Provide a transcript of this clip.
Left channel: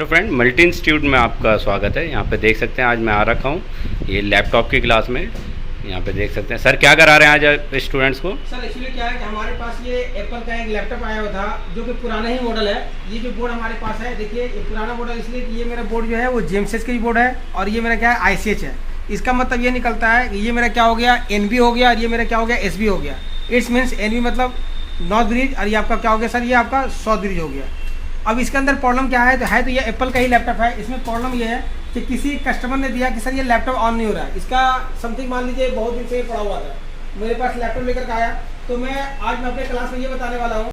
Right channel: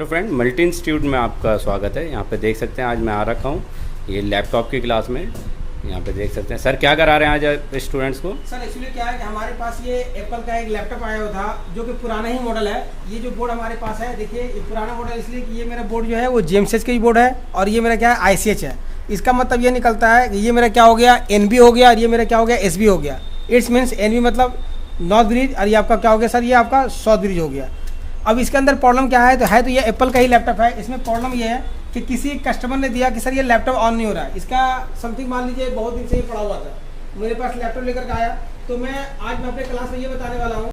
Hello friend, multi institute में आपका स्वागत है। यहाँ पे देख सकते हैं आज मैं आ रखा हूँ ये लैपटॉप की क्लास में। यहाँ पे देख सकते हैं सर क्या करा रहे हैं आज स्टूडेंट्स को। सर एक्चुअली क्या है कि हमारे पास ये एप्पल का एक लैपटॉप आया हुआ था जो कि पुराना ही मॉडल है। ये जो बोर्ड हमारे पास है, देखिए ये पुराना मॉडल इसलिए कि ये मेरा बोर्ड जो है वो जेएमसीएच का ही बोर्ड है और ये मेरा क्या है आईसीएच है। इसका मतलब ये निकलता है कि ये मेरा क्या हो गया एनबी हो गया और ये मेरा क्या हो गया एसबी हो गया। इट्स मीन्स एनबी मतलब नॉर्थ ब्रिज और ये आपका क्या हो गया सर, ये आपका साउथ ब्रिज हो गया। अब इसके अंदर प्रॉब्लम क्या है तो ये एप्पल का ही लैपटॉप है। इसमें प्रॉब्लम ये है कि किसी कस्टमर ने दिया कि सर ये लैपटॉप ऑन नहीं हो रहा है। इसका समथिंग मान लीजिए बहुत दिन से ये पड़ा हुआ था, मेरे पास लैपटॉप लेकर के आया। तो मैं आज अपने क्लास में ये बताने वाला हूँ